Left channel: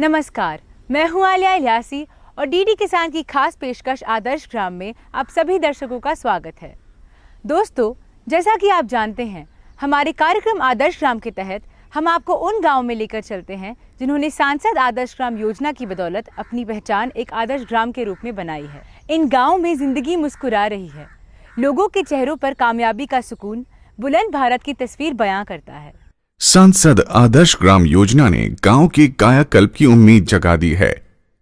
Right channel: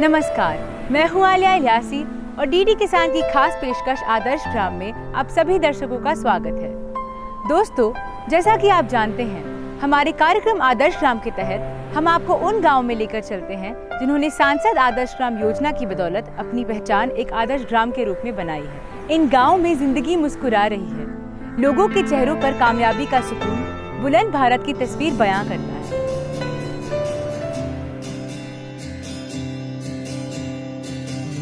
नमस्कार, मैं हूँ आलिया इलियासी और डीडी किसान की खास पेशकश आदर्श ग्राम में आप सभी दर्शकों का स्वागत है। दोस्तों, जैसा कि आप जानते हैं, हमारे कार्यक्रम आदर्श ग्राम के तहत हम आपको उन गाँव में लेकर चलते हैं जिन्होंने सांसद आदर्श ग्राम योजना की बदौलत अपनी पहचान एक आदर्श ग्राम के रूप में बनाई है। इन गाँव में जिंदगी मुस्कुरा रही है, लोगों के चेहरों पर कामयाबी का सुकून बुलंद भारत की तस्वीर बयां करता है। सांसद आदर्श ग्राम योजना ने गांव के कायाकल्प की उम्मीद जगा दी है।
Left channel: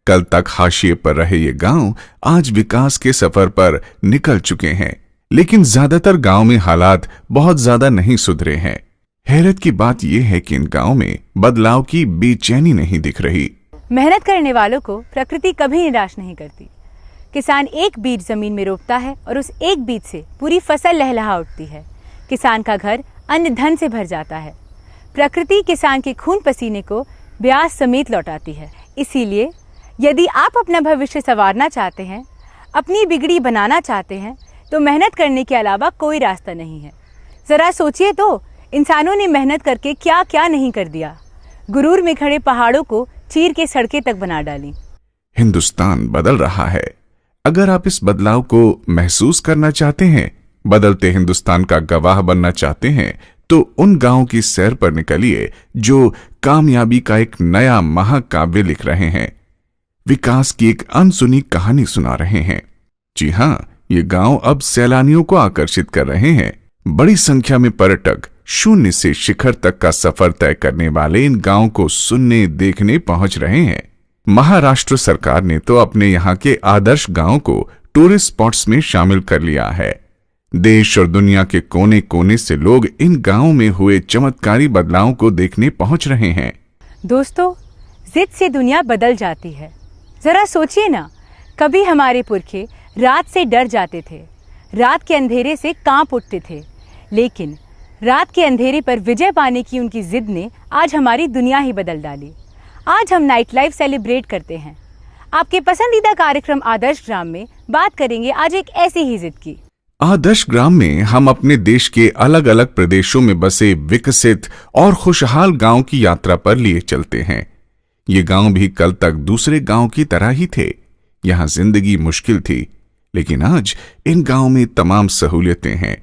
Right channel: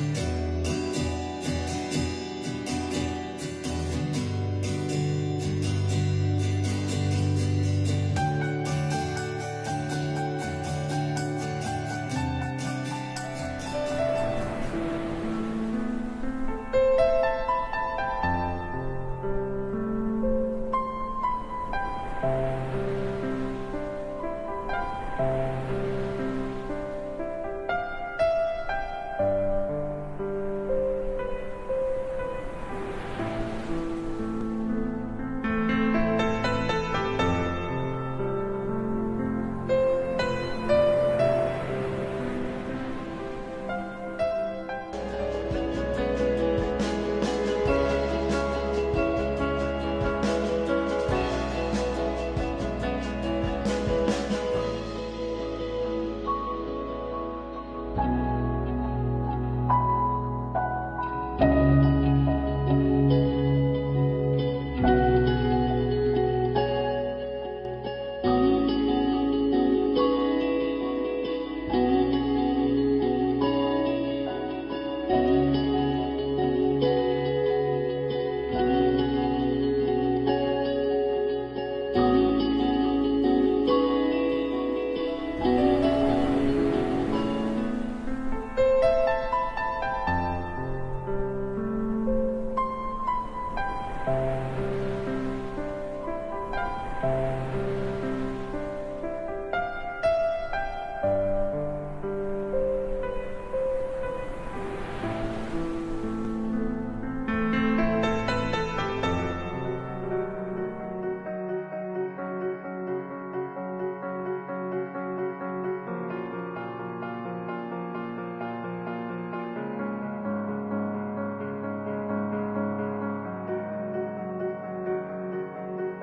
कल तक हाशिए पर रहे ये गांव आज विकास के सफर पर निकल चुके हैं, लेकिन ज्यादातर गांव में हालात बहुत ज्यादा नहीं सुधरे हैं। हैरत की बात यह है कि इन गांव में बदलाव की बेचैनी नहीं दिख रही। मेहनत करने वालों को प्रकृति कभी निराश नहीं करती। किसान एक बीज जमीन में रोपता है और उस एक बीज से पूरी फसल लहलहा उठती है। किसान का घर अन्न धन से भर जाता है। प्रकृति किसान के खून पसीने को ब्याज समेत लौटाती है। इसीलिए यदि आप अपना भविष्य संवारना चाहते हैं, अपनी बिगड़ी बनाना चाहते हैं, तो मेहनत करने के अलावा कोई रास्ता नहीं है। जरा सोचिए तो, इंसानों ने मेहनत करके क्या क्या नहीं कर दिया। गुरूर में खड़े पहाड़ों को चीर के सड़कें तक बना डाली। हिंदुस्तान बदल रहा है। अगर आप इस बदलाव को महसूस करना चाहते हैं, बदलते हिंदुस्तान का गवाह बनना चाहते हैं, तो उन गांव की सैर पर निकलिए जो कामयाबी का एक नया महाकाव्य लिख रहे हैं, विकास की एक अनसुनी कहानी सुना रहे हैं। जी हाँ, ये गांव अब सैलानियों को आकर्षित कर रहे हैं। बड़ी संख्या में पर्यटक शून्य से शिखर तक का सफर तय करने वाले इन गांव को सुनने देखने पहुंच रहे हैं। महाराष्ट्र सरकार ने तो अपने यहाँ के आदर्श गांव को टूरिस्ट स्पॉट्स में शामिल कर लिया है। देश और दुनिया के कोने कोने से लोग इन गांवों में हुए चमत्कारी बदलावों को देखने पहुंच रहे हैं। दोस्तों, जिद से दुनिया बदल जाती है। जरा सोचिए ना, कभी हमारे पुरखे रात से डर जाते थे, रात के अंधेरे से कांप उठते थे, लेकिन रात के अंधेरे पर विजय पाने की उनकी जिद ने आज हमारी दुनिया ही बदल डाली। आज हम नाइट लाइफ सेलिब्रेट करते हैं। आपके पसंदीदा कार्यक्रम आदर्श ग्राम में बात करेंगे आज एक ऐसी ही जिद की। आदर्श ग्राम में हम अपने देश के अलग अलग प्रदेशों में बसे विकसित और खुशहाल गांव की यात्रा पर लिए चलते हैं। ये गांव भी कल तक दूसरे गांव की तरह ही थे। यहाँ जिंदगी मुश्किल थी, लेकिन आज इन गांव में तमाम सहूलियतें हैं।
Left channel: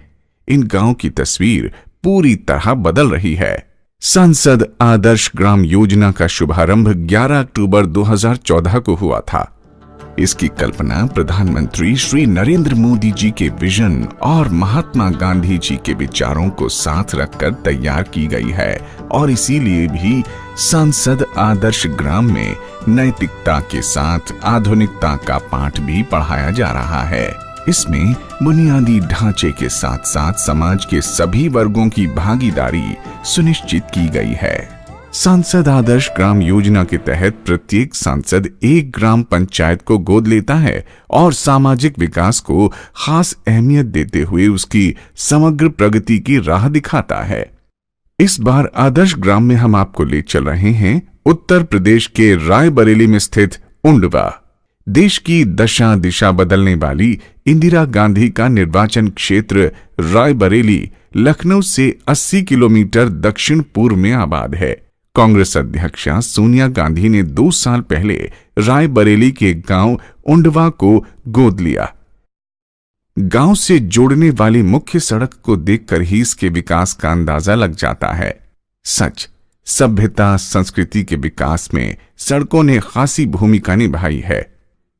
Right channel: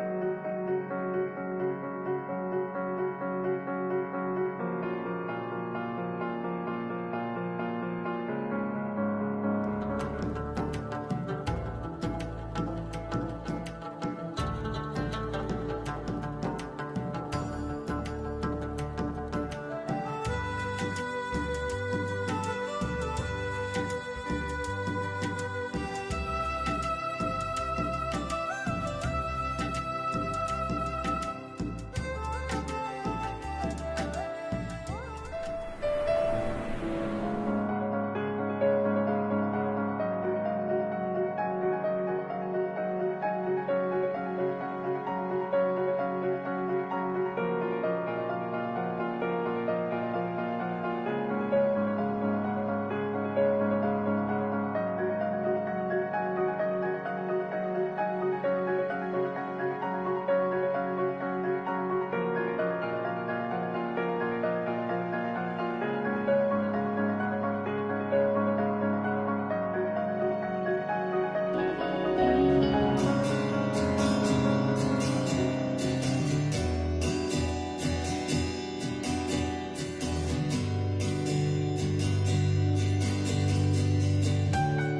इन गांव की तस्वीर पूरी तरह बदल रही है। सांसद आदर्श ग्राम योजना का शुभारंभ 11 अक्टूबर 2014 को हुआ था। इसकी कल्पना प्रधानमंत्री श्री नरेंद्र मोदी जी के विजन और महात्मा गांधी जी के विचारों को साथ रखकर तैयार की गई है, और इसीलिए भी सांसद आदर्श ग्राम में नैतिकता के साथ आधुनिकता का पाठ भी पढ़ाया जा रहा है। इसमें बुनियादी ढांचे के साथ साथ समाज के सभी वर्गों की भागीदारी सुनिश्चित की गई है। सांसद आदर्श ग्राम योजना के तहत प्रत्येक सांसद एक ग्राम पंचायत को गोद लेता है और सामाजिक विकास को खास अहमियत देते हुए उसकी समग्र प्रगति की राह दिखाता है। इस बार आदर्श ग्राम में हम आपको ले चल रहे हैं उत्तर प्रदेश के रायबरेली में स्थित उंडवा। देश की दशा दिशा बदलने वाली इंदिरा गांधी का निर्वाचन क्षेत्र रायबरेली लखनऊ से 80 किलोमीटर दक्षिण पूर्व में आबाद है। कांग्रेस अध्यक्षा सोनिया गांधी ने 2 साल पहले रायबरेली के गांव उंडवा को गोद लिया। गांव से जोड़ने वाली मुख्य सड़क को देखकर ही इसके विकास का अंदाजा लग जाता है। सच, सभ्यता संस्कृति के विकास में सड़कों ने खासी भूमिका निभाई है।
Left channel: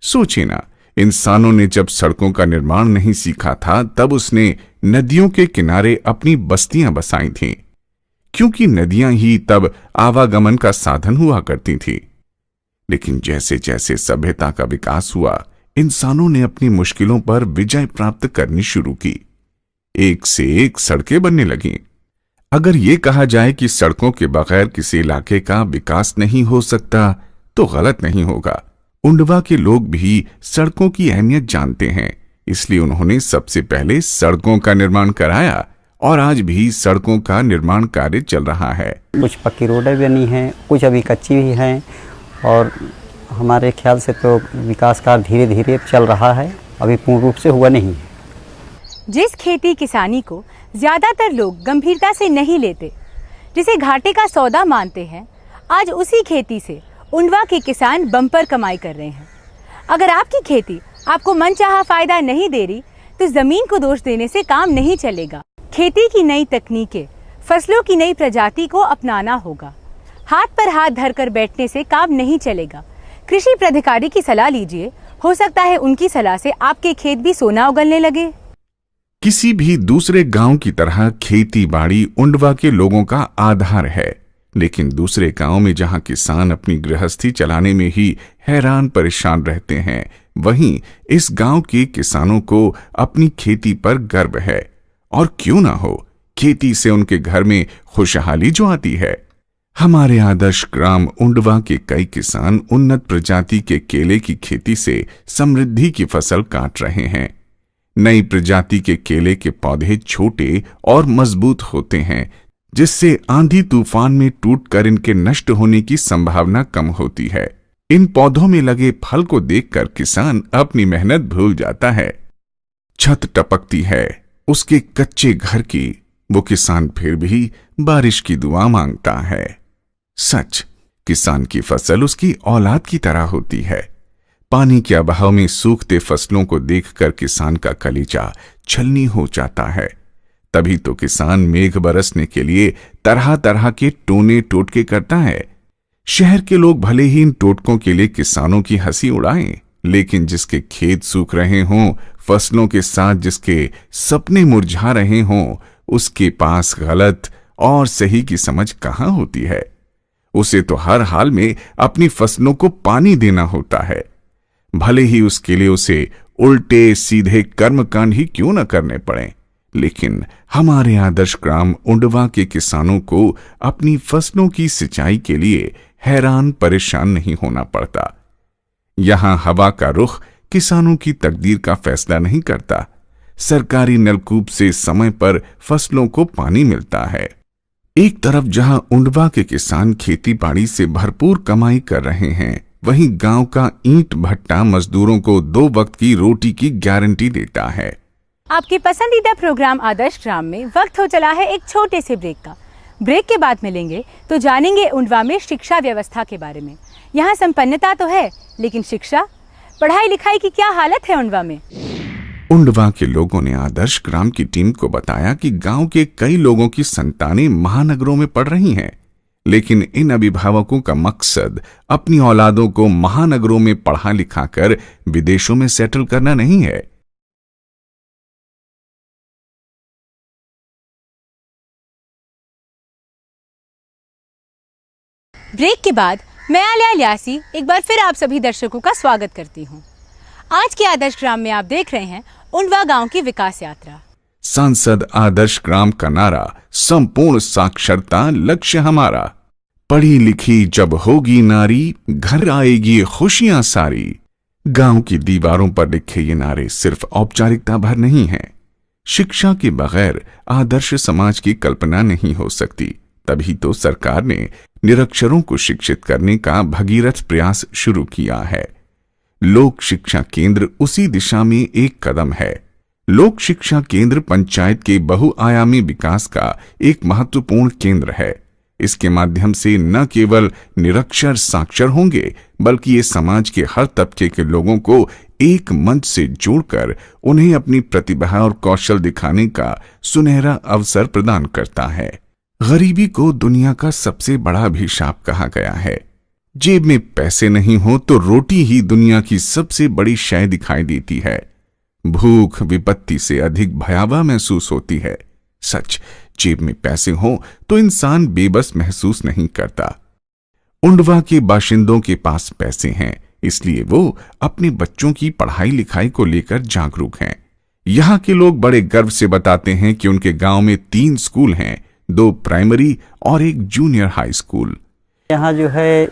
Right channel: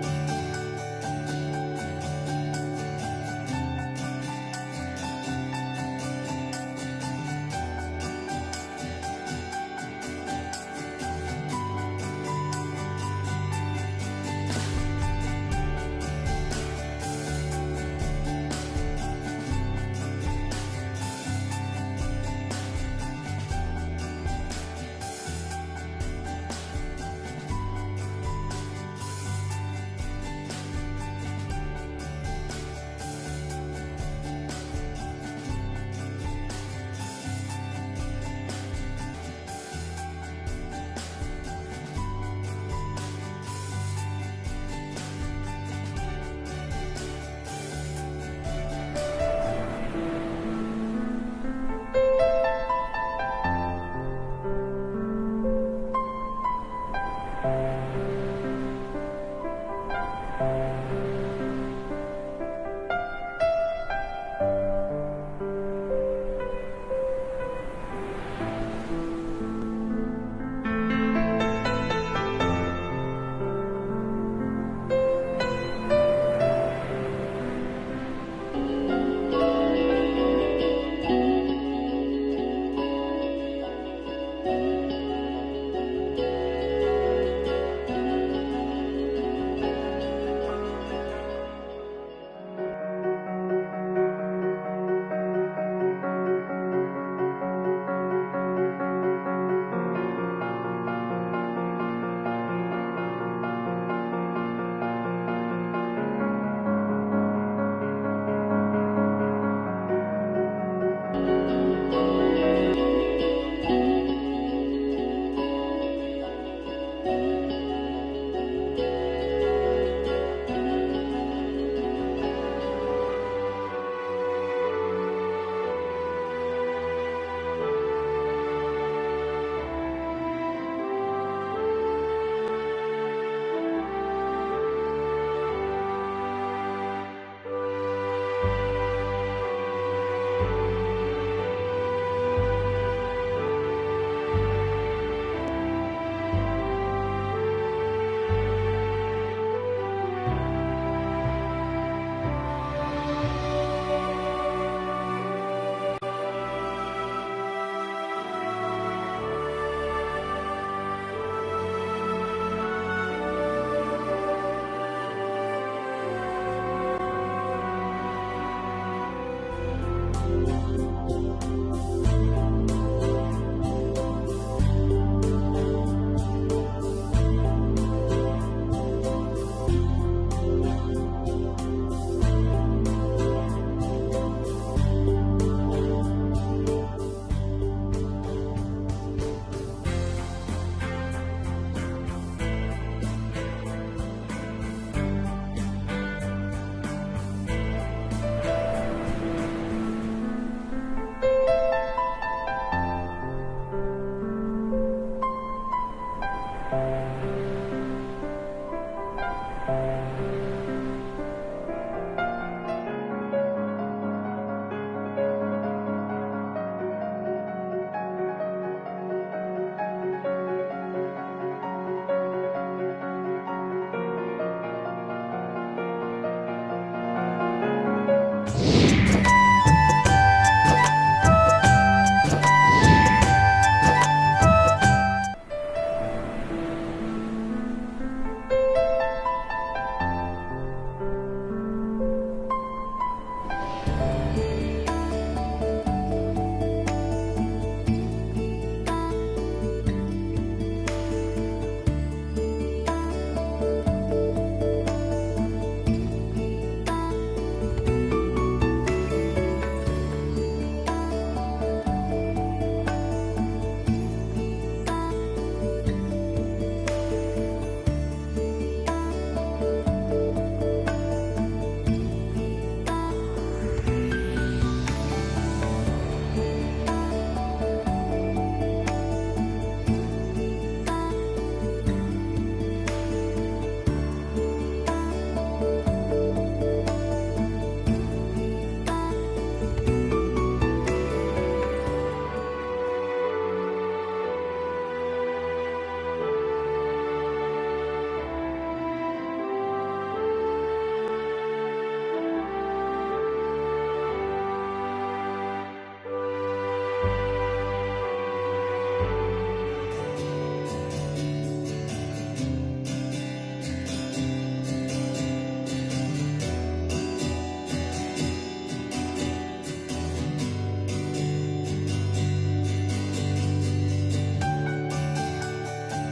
सोचिए ना, इंसानों ने जब सड़कों का निर्माण नहीं सीखा था, तब उसने नदियों के किनारे अपनी बस्तियां बसाई थीं, क्योंकि नदियां ही तब आवागमन का साधन हुआ करती थी। लेकिन जैसे जैसे सभ्यता का विकास हुआ, इंसानों ने अपनी मुश्किलों पर विजय प्राप्त करनी शुरू की। एक से एक सड़कें बनने लगीं। अगर ये कहा जाए कि सड़कों के बगैर किसी इलाके का विकास नहीं हो सकता, तो गलत नहीं होगा। उंडवा के लोग भी सड़कों की अहमियत जानते हैं, इसलिए उन्होंने सबसे पहले सड़कों का निर्माण कराया और आज भी सड़कों का निर्माण कार्य चल रहा है। कुछ पक्की रोडें बनी हैं, कुछ अभी कच्ची भी हैं, और हमारे ख्याल से तो विकास कार्य धीरे धीरे चल रहा है, अभी पूर्ण रूप से हुआ नहीं। जिस खेती किसानी को ज्यादातर लोग गंभीरता से नहीं लेते, जिसे घाटे का सौदा मानते हैं, आज उसी खेती से उंडवा के किसान बम्पर कमाई कर रहे हैं। अगर आपकी खेती आपको मनचाहा फायदा नहीं दे रही तो जमीन को दोष देने से काम नहीं चलेगा। खेती की नई तकनीकें, फसलों की नई प्रजाति को अपनाना होगा। हाथ पर हाथ धरकर बैठने से काम नहीं चलेगा। कृषि प्राधिकारी की सलाह लीजिए, हो सकता है उनकी सलाह से आपके खेत भी सोना उगलने लगे। किसी भी दूसरे गांव की तरह खेती बाड़ी उंडवा के लोगों का आधार है, लेकिन दूसरे गांव में जहां किसान अपनी गृहस्थी चलाने में ही हैरान परेशान रहते हैं, वहीं इस गांव के किसानों को अपनी खेती पर गर्व है। और क्यों ना हो, खेती से उनके घर में खुशहाली जो आती है। हमारे आदर्श ग्राम उंडवा के कई किसान उन्नत प्रजाति के केले की खेती से समृद्धि की फसल काट रहे हैं। नई प्रजाति के केले के पौधे छोटे और मजबूत होते हैं, जिससे आंधी तूफान में टूटकर इनके नष्ट होने की संभावना कम होती है। इन पौधों में लगे फल को देखकर किसान अपनी मेहनत भूल जाता है। छत टपकती है उसके कच्चे घर की, वो किसान फिर भी बारिश की दुआ मांगता है। सच, किसान की फसल उसकी औलाद की तरह होती है। पानी के अभाव में सूखते फसलों को देखकर किसान का कलीजा छलनी हो जाता है। तभी तो किसान मेघ बरसने के लिए तरह तरह के टोने टोटके करता है। शहर के लोग भले ही इन टोटकों के लिए किसानों की हंसी उड़ाएं, लेकिन जिसके खेत सूख रहे हों, फसलों के साथ जिसके सपने मुरझा रहे हों, उसके पास गलत और सही की समझ कहां होती है। उसे तो हर हाल में अपनी फसलों को पानी देना होता है, भले ही उसके लिए उसे उल्टे सीधे कर्मकांड ही क्यों न करने पड़े। लेकिन हमारे आदर्श ग्राम उंडवा के किसानों को अपनी फसलों की सिंचाई के लिए हैरान परेशान नहीं होना पड़ता। यहाँ हवा का रुख किसानों की तकदीर का फैसला नहीं करता। सरकारी नलकूप से समय पर फसलों को पानी मिलता है। एक तरफ जहां उंडवा के किसान खेती बाड़ी से भरपूर कमाई कर रहे हैं, वहीं गांव का ईंट भट्टा मजदूरों को 2 वक्त की रोटी की गारंटी देता है। आपके पसंदीदा प्रोग्राम आदर्श ग्राम में वक्त हो चला है एक छोटे से ब्रेक का। ब्रेक के बाद मिलेंगे तो जानेंगे उंडवा में शिक्षा व्यवस्था के बारे में। यहाँ संपन्नता तो है, लेकिन शिक्षा, पढ़ाई लिखाई की क्या हालत है उंडवा में। उंडवा के लोगों ने आदर्श ग्राम की टीम को बताया कि गांव के कई लोगों की संतानें महानगरों में पढ़ रही हैं, लेकिन इन अभिभावकों का मकसद अपनी औलादों को महानगरों में पढ़ा लिखा कर विदेशों में सेटल करना नहीं है। ब्रेक के बाद मैं आलिया ल्यासी एक बार फिर आप सभी दर्शकों का स्वागत करती हूँ। आज के आदर्श ग्राम में आप देख रहे हैं उंडवा गांव की विकास यात्रा। सांसद आदर्श ग्राम का नारा, संपूर्ण साक्षरता लक्ष्य हमारा। पढ़ी लिखी जब होगी नारी, घर आएगी खुशियां सारी। गांव की दीवारों पर लिखे ये नारे सिर्फ औपचारिकता भर नहीं है। शिक्षा के बगैर आदर्श समाज की कल्पना नहीं हो सकती। तभी तो सरकार ने निरक्षरों को शिक्षित करने का भगीरथ प्रयास शुरू किया है। लोक शिक्षा केंद्र उसी दिशा में एक कदम है। लोक शिक्षा केंद्र पंचायत के बहुआयामी विकास का एक महत्वपूर्ण केंद्र है। इसके माध्यम से न केवल निरक्षर साक्षर होंगे, बल्कि ये समाज के हर तबके के लोगों को एक मंच से जोड़कर उन्हें अपनी प्रतिभा और कौशल दिखाने का सुनहरा अवसर प्रदान करता है। गरीबी को दुनिया का सबसे बड़ा अभिशाप कहा गया है। जेब में पैसे नहीं हो तो रोटी ही दुनिया की सबसे बड़ी शय दिखाई देती है। भूख विपत्ति से अधिक भयावह महसूस होती है। सच, जेब में पैसे हो तो इंसान बेबस महसूस नहीं करता। उंडवा के बाशिंदों के पास पैसे हैं, इसलिए वो अपने बच्चों की पढ़ाई लिखाई को लेकर जागरूक हैं। यहाँ के लोग बड़े गर्व से बताते हैं कि उनके गांव में 3 स्कूल हैं, 2 प्राइमरी और 1 जूनियर हाई स्कूल। यहाँ जो है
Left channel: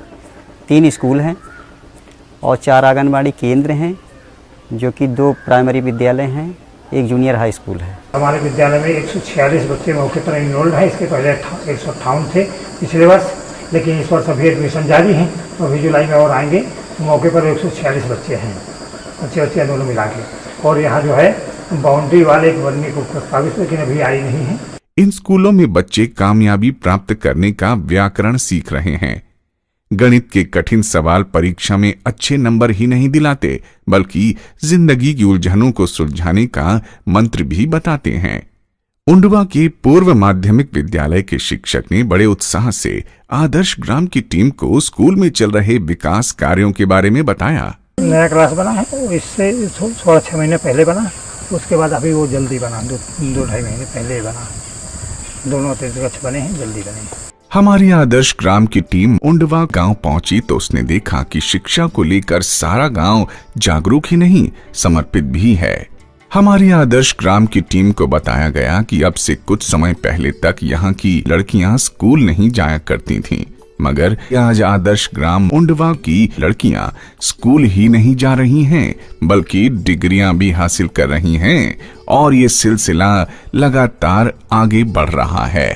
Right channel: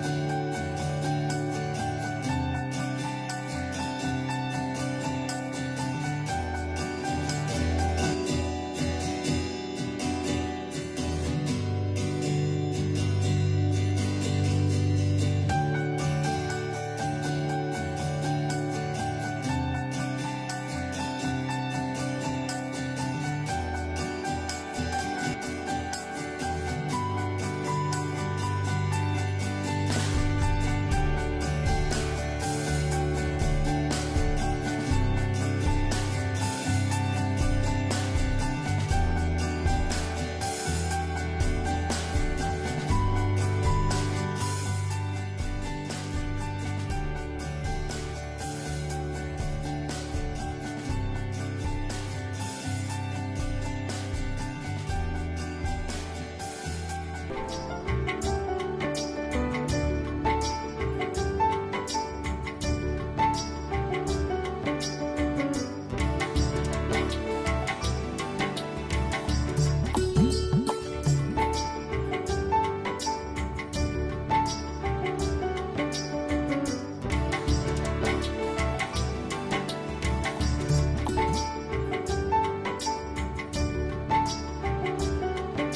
3 स्कूल हैं और 4 आंगनबाड़ी केंद्र हैं, जो कि 2 प्राइमरी विद्यालय हैं, 1 जूनियर हाई स्कूल है। हमारे विद्यालय में 146 बच्चे मौके पर इनरोल्ड हैं। इसके पहले 158 थे पिछले वर्ष, लेकिन इस वर्ष अभी एडमिशन जारी है और अभी जुलाई में और आएंगे। मौके पर 146 बच्चे हैं, बच्चे दोनों मिला के। और यहाँ जो है बाउंड्री वाले बनने को प्रस्तावित, लेकिन अभी आई नहीं है। इन स्कूलों में बच्चे कामयाबी प्राप्त करने का व्याकरण सीख रहे हैं। गणित के कठिन सवाल परीक्षा में अच्छे नंबर ही नहीं दिलाते, बल्कि जिंदगी की उलझनों को सुलझाने का मंत्र भी बताते हैं। उंडवा के पूर्व माध्यमिक विद्यालय के शिक्षक ने बड़े उत्साह से आदर्श ग्राम की टीम को स्कूल में चल रहे विकास कार्यों के बारे में बताया। नया क्लास बना है, इससे 6 महीने पहले बना, उसके बाद अभी वो जल्दी बना, 2-2.5 महीने पहले बना। दोनों अतिरिक्त बने हैं, जल्दी बने। हमारी आदर्श ग्राम की टीम उंडवा गांव पहुंची तो उसने देखा कि शिक्षा को लेकर सारा गांव जागरूक ही नहीं, समर्पित भी है। हमारी आदर्श ग्राम की टीम को बताया गया कि अब से कुछ समय पहले तक यहाँ की लड़कियां स्कूल नहीं जाया करती थीं, मगर आज आदर्श ग्राम उंडवा की लड़कियां स्कूल ही नहीं जा रही हैं, बल्कि डिग्रियां भी हासिल कर रही हैं और ये सिलसिला लगातार आगे बढ़ रहा है।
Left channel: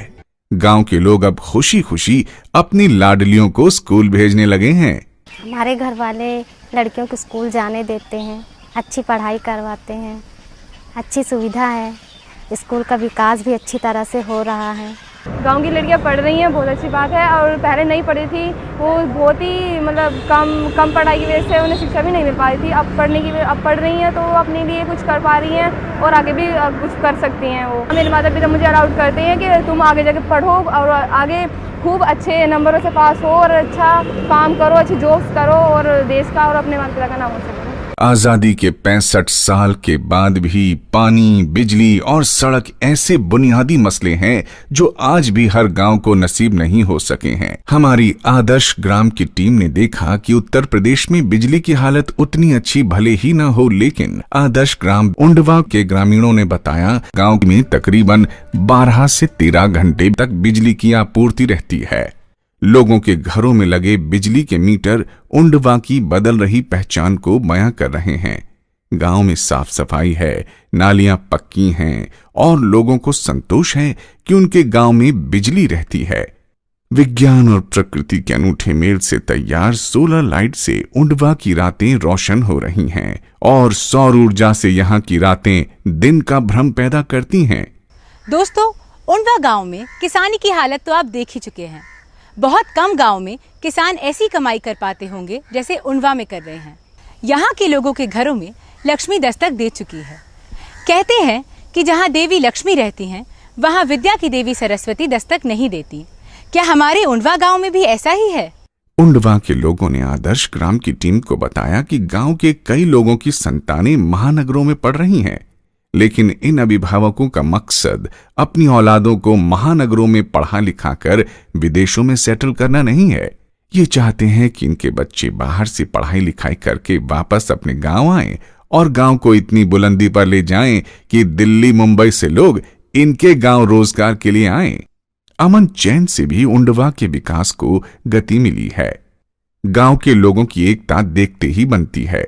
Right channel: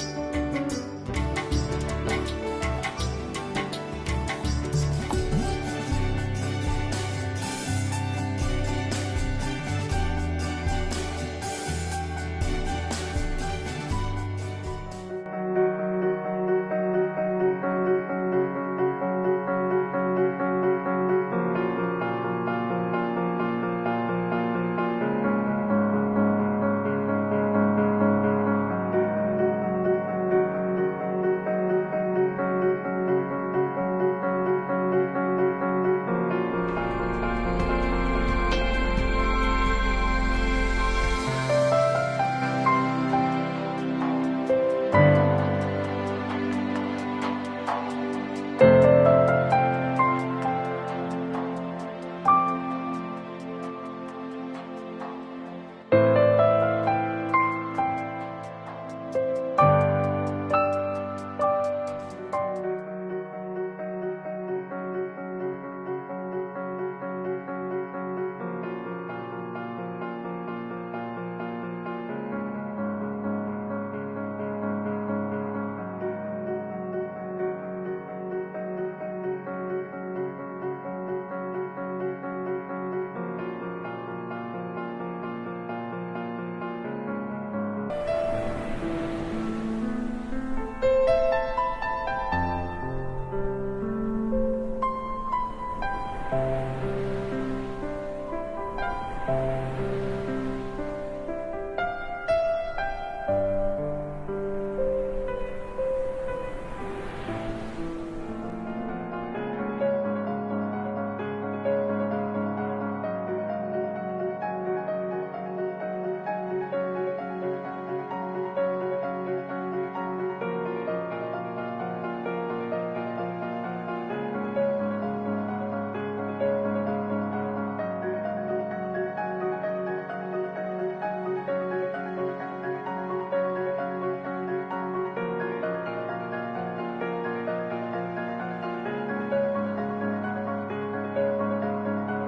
गांव के लोग अब खुशी खुशी अपनी लाडलियों को स्कूल भेजने लगे हैं। हमारे घर वाले लड़कियों को स्कूल जाने देते हैं, अच्छी पढ़ाई करवाते हैं, अच्छी सुविधा है, स्कूल का विकास भी अच्छी तरह से हो रहा है। गांव की लड़कियां पढ़ रही हैं, बहुत अच्छी बात है। और पहले नहीं पढ़ी थी, वो बहुत ही मतलब कम पढ़ाई की वजह से उन्हें शिक्षा भी नहीं मिल पा रही थी। अब पढ़ रही हैं तो वो अपने लिए कुछ कर पा रही हैं और आगे भी कुछ कर सकती हैं। वो मेरे माता पिता मुझे अलाउड करते हैं कि तुम आगे जाके पढ़ो और आगे खूब अच्छे नंबरों से पास हो और अच्छा काम करो, अच्छी जॉब्स करो और देश का और अपने माता पिता का नाम हो। आजादी के 65 साल के बाद भी पानी, बिजली और सड़क ऐसे बुनियादी मसले हैं जो आज भी हर गांव को नसीब नहीं हो सके हैं। हमारी आदर्श ग्राम की टीम ने देखा कि उत्तर प्रदेश में बिजली की हालत उतनी अच्छी भले ही न हो, लेकिन आदर्श ग्राम उंडवा के ग्रामीणों ने बताया गांव में तकरीबन 12 से 13 घंटे तक बिजली की आपूर्ति रहती है। लोगों के घरों में लगे बिजली के मीटर उंडवा की बदल रही पहचान को बयां कर रहे हैं। गांव में साफ सफाई है, नालियां पक्की हैं और लोगों को संतोष है कि उनके गांव में बिजली रहती है। विज्ञान और प्रकृति के अनूठे मेल से तैयार सोलर लाइट से उंडवा की रातें रोशन हो रही हैं और सौर ऊर्जा से यहाँ की रातें दिन का भ्रम पैदा करती हैं। दोस्तों, उंडवा गांव में किसानी की हालत तो आप देख ही चुके हैं। बहुत कम गांव में किसान ऐसी कमाई कर पाते होंगे जैसे उंडवा में कर रहे हैं। यहाँ के लोगों के घरों में लक्ष्मी दस्तक दे चुकी है। कहते हैं कि जहाँ देवी लक्ष्मी रहती हैं, वहाँ विद्या की देवी सरस्वती दस्तक नहीं देती। क्या हमारे उंडवा गांव में भी ऐसा ही है? उंडवा के लोगों ने आदर्श ग्राम की टीम को बताया कि गांव के कई लोगों की संतानें महानगरों में पढ़ रही हैं, लेकिन इन अभिभावकों का मकसद अपनी औलादों को महानगरों में पढ़ा लिखा कर विदेशों में सेटल करना नहीं है। ये चाहते हैं कि इनके बच्चे बाहर से पढ़ाई लिखाई करके वापस अपने गांव आएं और गांव को इतनी बुलंदी पर ले जाएं कि दिल्ली मुंबई से लोग इनके गांव रोजगार के लिए आएं। अमन चैन से भी उंडवा के विकास को गति मिली है। गांव के लोगों की एकता देखते ही बनती है।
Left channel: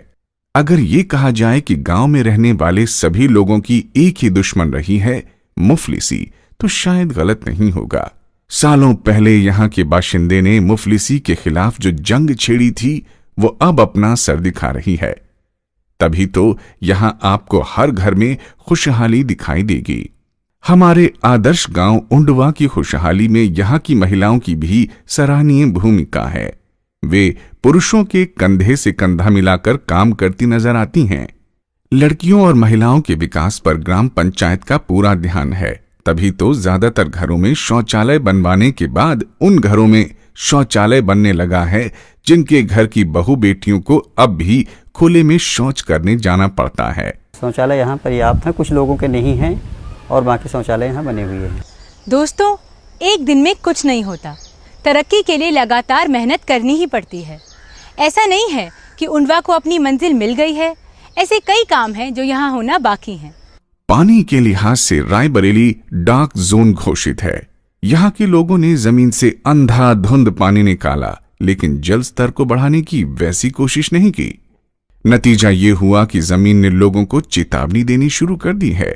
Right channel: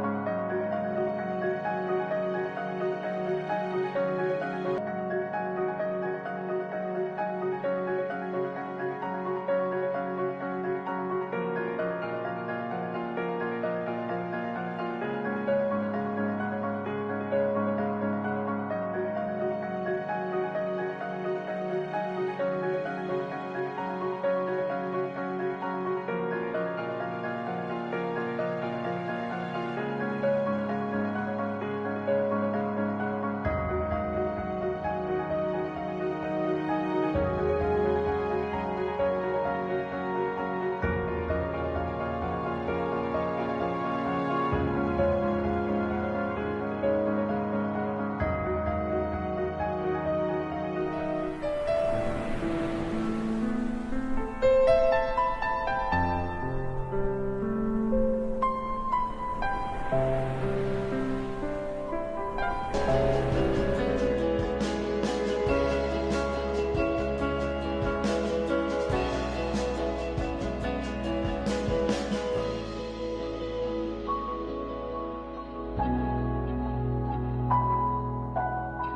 अगर ये कहा जाए कि गांव में रहने वाले सभी लोगों की एक ही दुश्मन रही है, मुफलिसी, तो शायद गलत नहीं होगा। सालों पहले यहाँ के बाशिंदे ने मुफलिसी के खिलाफ जो जंग छेड़ी थी, वो अब अपना सर दिखा रही है। तभी तो यहाँ आपको हर घर में खुशहाली दिखाई देगी। हमारे आदर्श गांव उंडवा की खुशहाली में यहाँ की महिलाओं की भी सराहनीय भूमिका है। वे पुरुषों के कंधे से कंधा मिलाकर काम करती नजर आती हैं। लड़कियों और महिलाओं के विकास पर ग्राम पंचायत का पूरा ध्यान है। तभी तो ज्यादातर घरों में शौचालय बनवाने के बाद उन घरों में शौचालय बनने लगा है जिनके घर की बहू बेटियों को अब भी खुले में शौच करने जाना पड़ता है। शौचालय यहाँ पर्याप्त है, कुछ लोगों के नहीं है और बाकी शौचालय यहाँ बने हुए हैं। दोस्तों, एक दिन में कुछ नहीं होता। तरक्की के लिए लगातार मेहनत करनी ही पड़ती है। ऐसा नहीं है कि उंडवा को अपनी मंजिल मिल गई है। ऐसे कई काम हैं जो यहाँ होना बाकी है। पानी के लिहाज से रायबरेली डार्क जोन घोषित है। यहाँ के लोगों ने जमीन से अंधाधुंध पानी निकाला, लेकिन जल स्तर को बढ़ाने की वैसी कोशिश नहीं की। नतीजा ये हुआ कि जमीन ने लोगों को चेतावनी देनी शुरू कर दी है।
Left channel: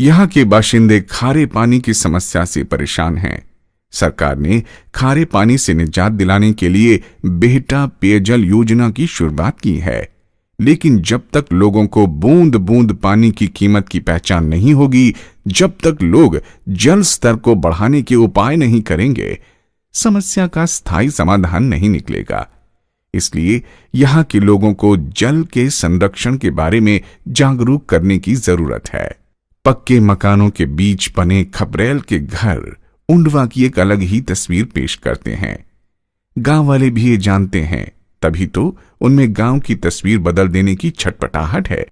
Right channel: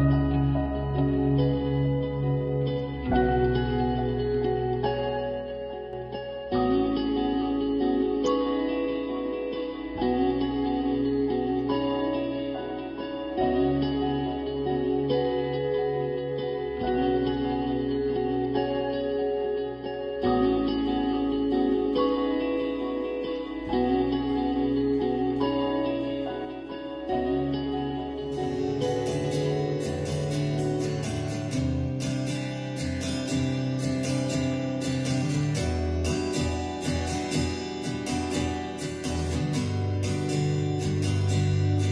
यहाँ के बाशिंदे खारे पानी की समस्या से परेशान हैं। सरकार ने खारे पानी से निजात दिलाने के लिए बेहटा पेयजल योजना की शुरुआत की है, लेकिन जब तक लोगों को बूंद बूंद पानी की कीमत की पहचान नहीं होगी, जब तक लोग जल स्तर को बढ़ाने के उपाय नहीं करेंगे, समस्या का स्थायी समाधान नहीं निकलेगा। इसलिए यहाँ के लोगों को जल के संरक्षण के बारे में जागरूक करने की जरूरत है। पक्के मकानों के बीच बने खपरेल के घर उंडवा की एक अलग ही तस्वीर पेश करते हैं। गांव वाले भी ये जानते हैं, तभी तो उनमें गांव की तस्वीर बदल देने की छटपटाहट है।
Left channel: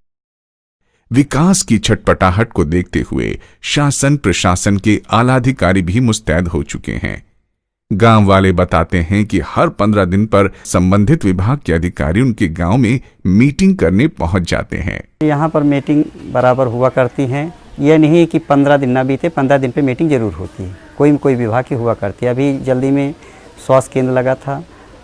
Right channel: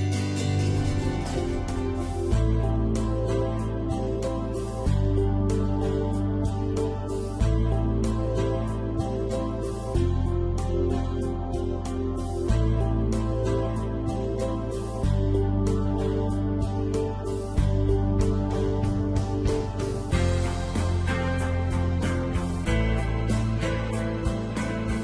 विकास की छटपटाहट को देखते हुए शासन प्रशासन के आला अधिकारी भी मुस्तैद हो चुके हैं। गांव वाले बताते हैं कि हर 15 दिन पर संबंधित विभाग के अधिकारी उनके गांव में मीटिंग करने पहुंच जाते हैं। यहाँ पर मीटिंग बराबर हुआ करती हैं। यह नहीं है कि 15 दिन ना बीते, 15 दिन पे मीटिंग जरूर होती है। कोई न कोई विभाग की हुआ करती है। अभी जल्दी में स्वास्थ्य केंद्र लगा था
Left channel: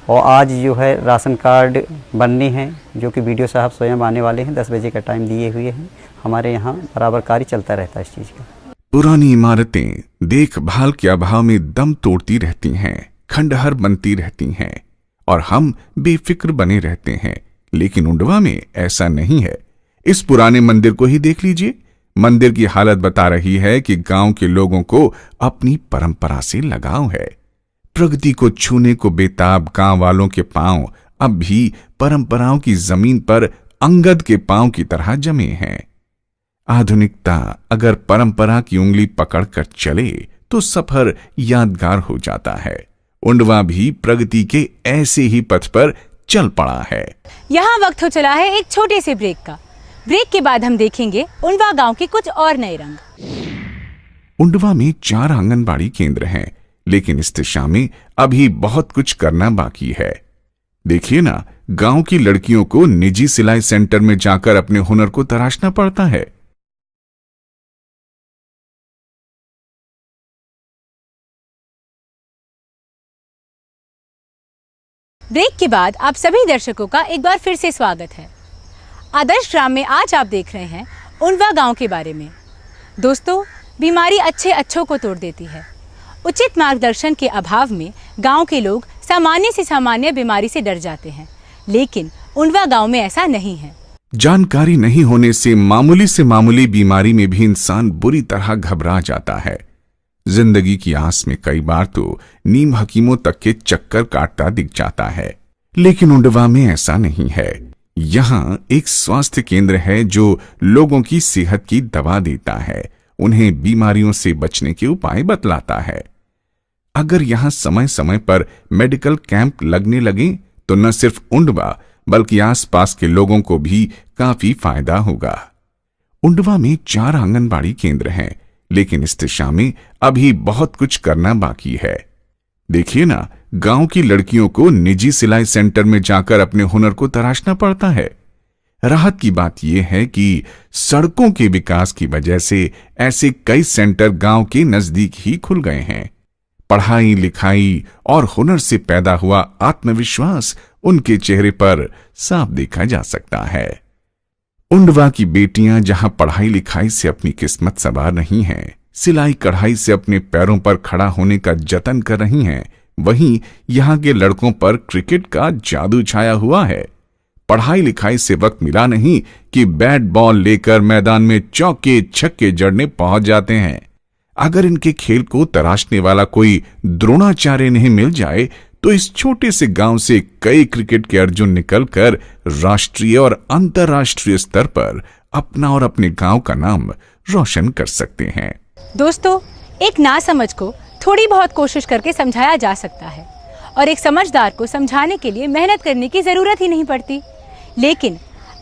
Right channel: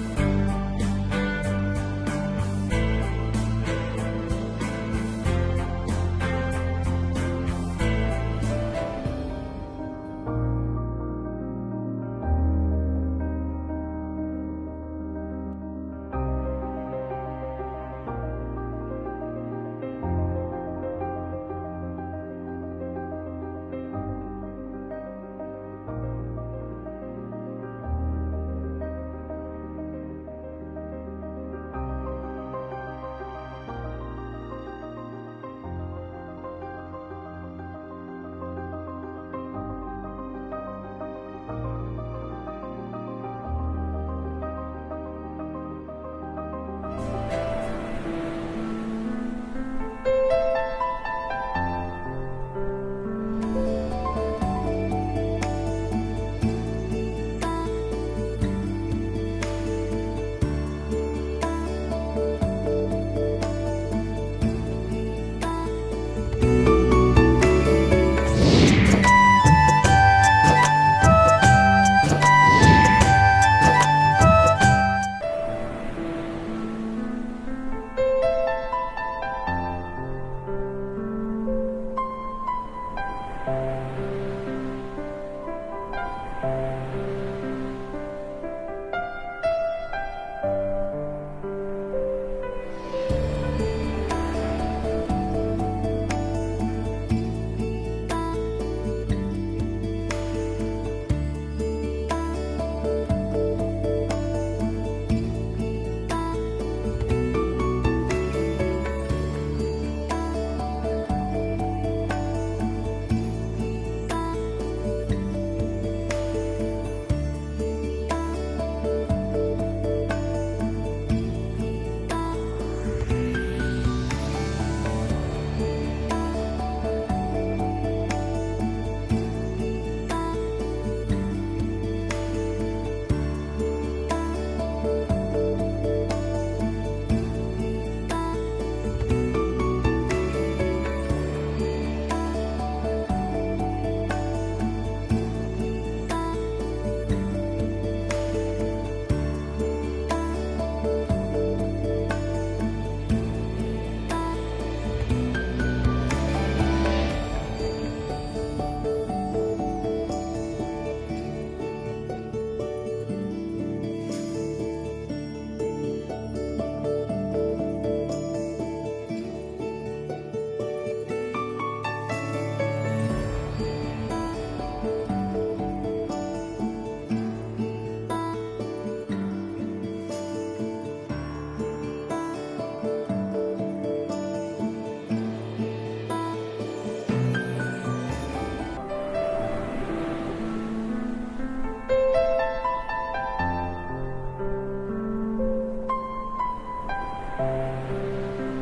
और आज जो है राशन कार्ड बनने हैं, जो कि BDO साहब स्वयं आने वाले हैं। 10 बजे का टाइम दिए हुए हैं। हमारे यहाँ बराबर कार्य चलता रहता है इस चीज़ का। पुरानी इमारतें देखभाल के अभाव में दम तोड़ती रहती हैं, खंडहर बनती रहती हैं और हम बेफिक्र बने रहते हैं। लेकिन उंडवा में ऐसा नहीं है। इस पुराने मंदिर को ही देख लीजिए। मंदिर की हालत बता रही है कि गांव के लोगों को अपनी परंपरा से लगाव है। प्रगति को छूने को बेताब गांव वालों के पांव अब भी परंपराओं की जमीन पर अंगद के पांव की तरह जमे हैं। आधुनिकता अगर परंपरा की उंगली पकड़कर चले तो सफर यादगार हो जाता है। उंडवा भी प्रगति के ऐसे ही पथ पर चल पड़ा है। यहाँ वक्त हो चला है एक छोटे से ब्रेक का। ब्रेक के बाद हम देखेंगे उंडवा गांव के कुछ और नए रंग। उंडवा में 4 आंगनबाड़ी केंद्र हैं, लेकिन इस दिशा में अभी बहुत कुछ करना बाकी है। देखिए ना, गांव की लड़कियों को निजी सिलाई सेंटर में जाकर अपने हुनर को तराशना पड़ता है। ब्रेक के बाद आप सभी दर्शकों का एक बार फिर से स्वागत है। आदर्श ग्राम में आज आप देख रहे हैं उंडवा गांव के बारे में। दोस्तों, बीमारी अच्छे अच्छों को तोड़ देती है। उचित मार्गदर्शन के अभाव में गांव के लोग सामान्य से सामान्य बीमारी से डर जाते हैं, लेकिन उंडवा गांव में ऐसा नहीं है। जानकारी नहीं होने से मामूली बीमारी में भी इंसान बुरी तरह घबरा जाता है। जिंदगी की आस में कई बार तो नीम हकीमों तक के चक्कर काटता दिख जाता है, लेकिन उंडवा में ऐसा नहीं है। यहाँ एक स्वास्थ्य केंद्र है जो लोगों की सेहत की दवा देता है, उन्हें बीमारियों से बचने के उपाय बतलाता है। अगर यहाँ समय समय पर मेडिकल कैंप लगने लगे तो न सिर्फ उंडवा बल्कि आसपास के लोगों को भी काफी फायदा होगा। उंडवा में 4 आंगनबाड़ी केंद्र हैं, लेकिन इस दिशा में अभी बहुत कुछ करना बाकी है। देखिए ना, गांव की लड़कियों को निजी सिलाई सेंटर में जाकर अपने हुनर को तराशना पड़ता है। राहत की बात यह है कि सड़कों के विकास की वजह से ऐसे कई सेंटर गांव के नजदीक ही खुल गए हैं। पढ़ाई लिखाई और हुनर से पैदा हुआ आत्मविश्वास उनके चेहरे पर साफ देखा जा सकता है। उंडवा की बेटियां जहां पढ़ाई लिखाई से अपनी किस्मत संवार रही हैं, सिलाई कढ़ाई से अपने पैरों पर खड़ा होने का जतन कर रही हैं, वहीं यहाँ के लड़कों पर क्रिकेट का जादू छाया हुआ है। पढ़ाई लिखाई से वक्त मिला नहीं कि बैट बॉल लेकर मैदान में चौके छक्के जड़ने पहुंच जाते हैं। अगर इनके खेल को तराशने वाला कोई द्रोणाचार्य नहीं मिल जाए तो इस छोटे से गांव से कई क्रिकेट के अर्जुन निकलकर राष्ट्रीय और अंतर्राष्ट्रीय स्तर पर अपना और अपने गांव का नाम रोशन कर सकते हैं। दोस्तों, एक नासमझ को थोड़ी बहुत कोशिश करके समझाया जा सकता है और एक समझदार को समझाने के लिए मेहनत करने की जरूरत ही नहीं पड़ती। लेकिन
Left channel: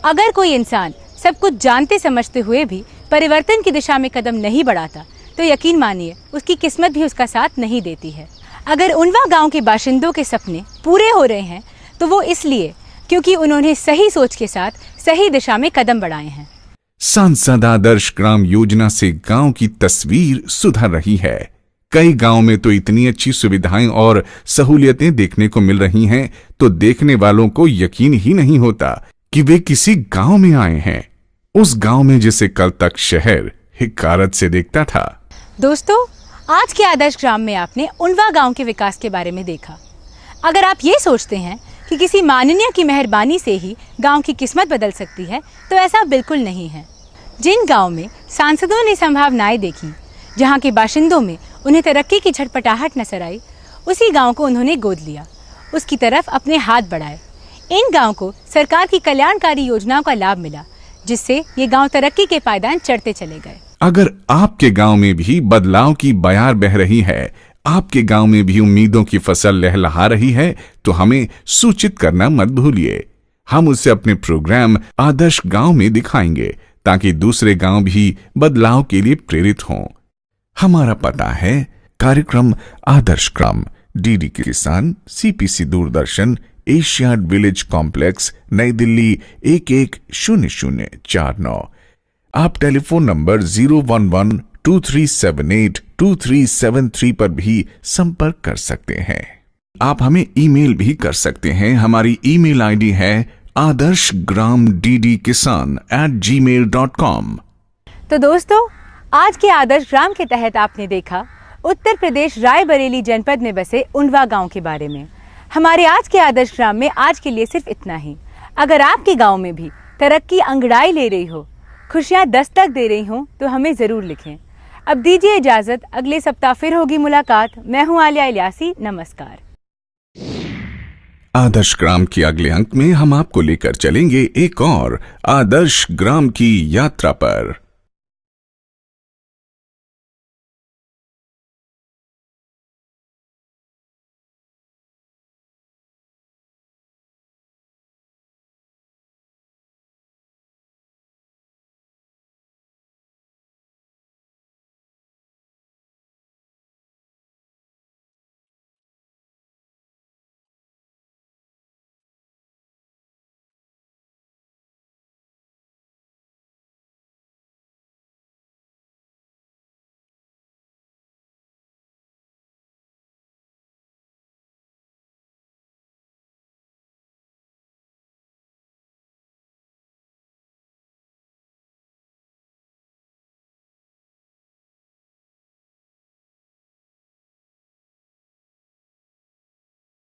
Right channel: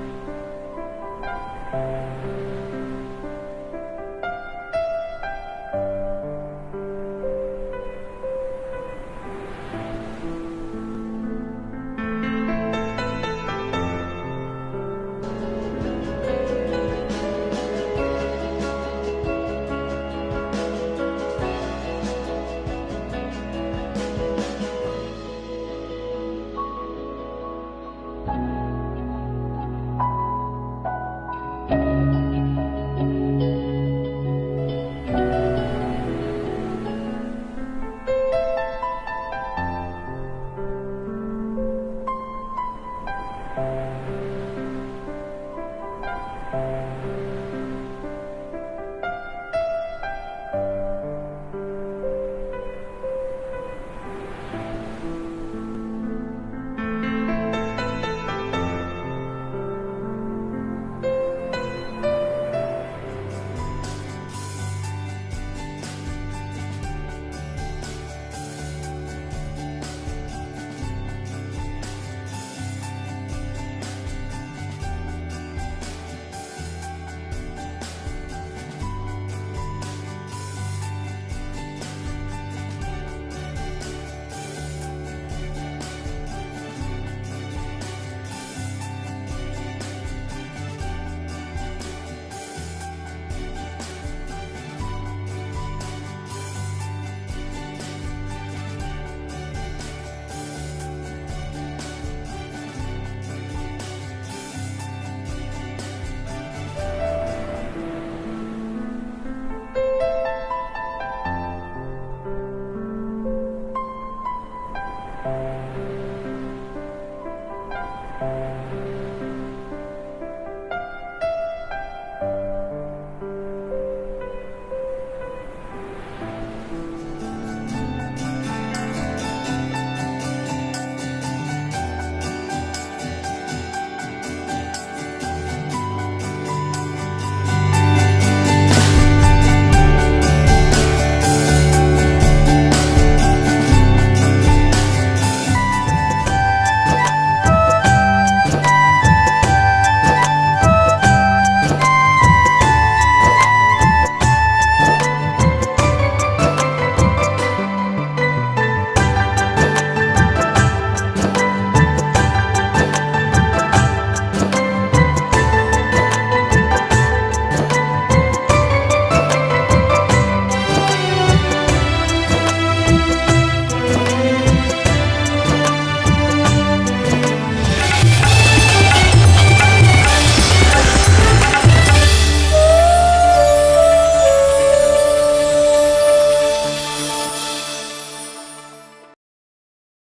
अगर कोई इंसान सब कुछ जानते समझते हुए भी परिवर्तन की दिशा में कदम नहीं बढ़ाता तो यकीन मानिए उसकी किस्मत भी उसका साथ नहीं देती है। अगर उंडवा गांव के बाशिंदों के सपने पूरे हो रहे हैं तो वो इसलिए क्योंकि उन्होंने सही सोच के साथ सही दिशा में कदम बढ़ाए हैं। सांसद आदर्श ग्राम योजना से गांव की तस्वीर सुधर रही है। कई गांव में तो इतनी अच्छी सुविधाएं और सहूलियतें देखने को मिल रही हैं तो देखने वालों को यकीन ही नहीं होता कि वे किसी गांव में आए हैं, उस गांव में जिसे कल तक शहर हिकारत से देखता था। दोस्तों, आज के आदर्श ग्राम में आपने उंडवा गांव के विकास के बारे में देखा। अगर आप ये सोचते हैं कि किसी माननीय की मेहरबानी से ही गांव की किस्मत बदल सकती है तो ऐसा बिल्कुल नहीं है। जिन गांव में सांसदों ने संभावनाएं देखी, जहां के बाशिंदों में उन्हें तरक्की की झटपटाहट नजर आई, उसी गांव को उन्होंने गोद लिया, उसकी तरफ अपने हाथ बढ़ाए। इन गांव को सरकार की कल्याणकारी योजनाओं का लाभ मिला, जिससे ये गांव तरक्की के पायदान चढ़ते चले गए। अगर आपके गांव में भी बदलाव की बयार बह रही है, आपके गांव में भी उम्मीदों की फसल लहलहा रही है, तो हमें सूचित करना मत भूलिए। हम उसे अपने प्रोग्राम आदर्श गांव में दिखाएंगे, ताकि दूसरे गांव भी बदलाव के लिए प्रेरित हों। हमारा पता है कार्यक्रम आदर्श ग्राम, डीडी किसान, CPC Doordarshan, Asiad village complex, नई दिल्ली 110049। आप टेलीफोन नंबर 011-2378-2373 पर भी संपर्क कर सकते हैं। आप हमें ईमेल भी कर सकते हैं। हमारी ईमेल आईडी है adarshgramddkisan@gmail.com। तो दोस्तों, आज के आदर्श ग्राम के तहत आपने देखा उत्तर प्रदेश रायबरेली जनपद में बसे उंडवा गांव के बारे में। हमारे आज के आदर्श ग्राम में आज के लिए सिर्फ इतना ही। अगर आपके गांव में भी तरक्की अंगड़ाई ले रही हो, खुशियां दस्तक दे रही हो, तो हमें जरूर लिखें। अब दीजिए इजाजत, अगले सप्ताह फिर होगी मुलाकात। मैं हूं आलिया इलियासी, नमस्कार। आदर्श ग्राम के अगले अंक में हम आपको लेकर चलेंगे एक और आदर्श ग्राम की यात्रा पर।